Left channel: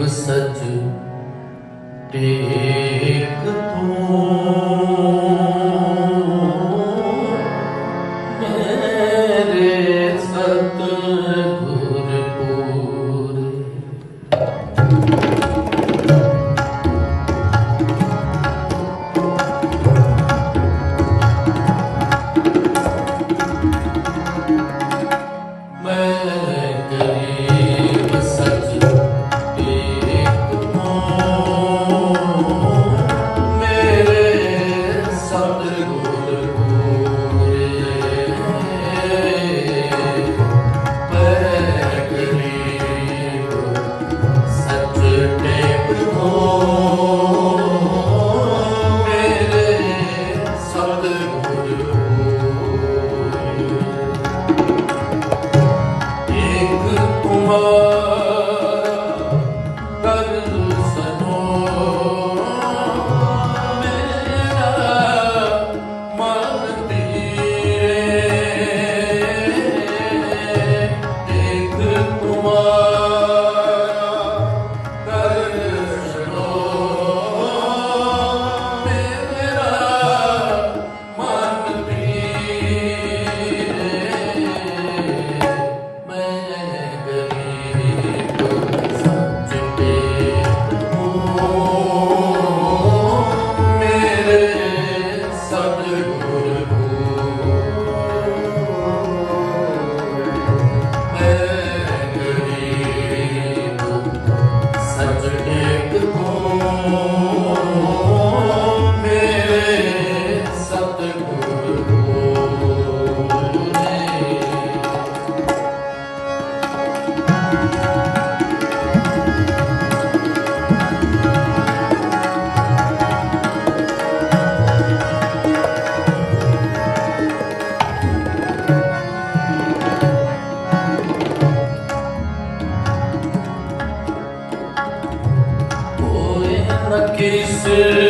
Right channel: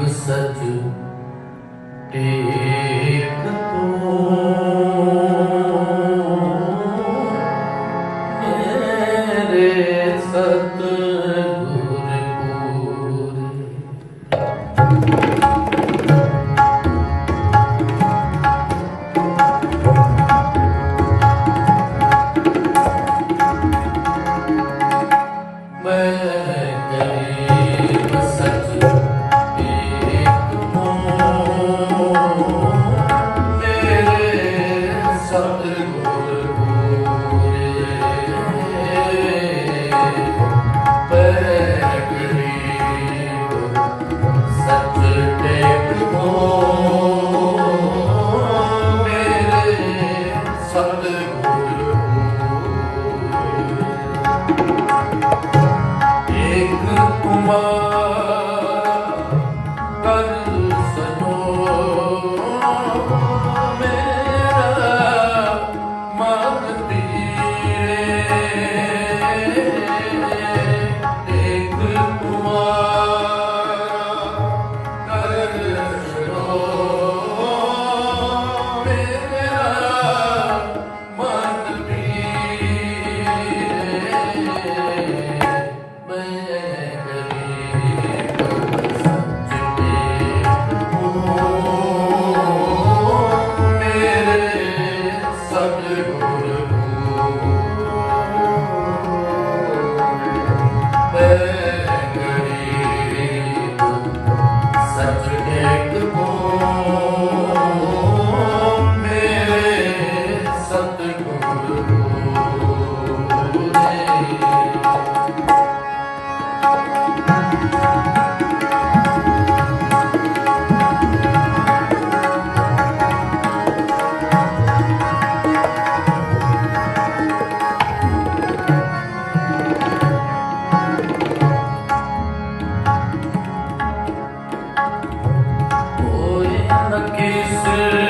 was said to be. something. Jesus.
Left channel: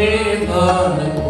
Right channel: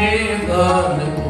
in the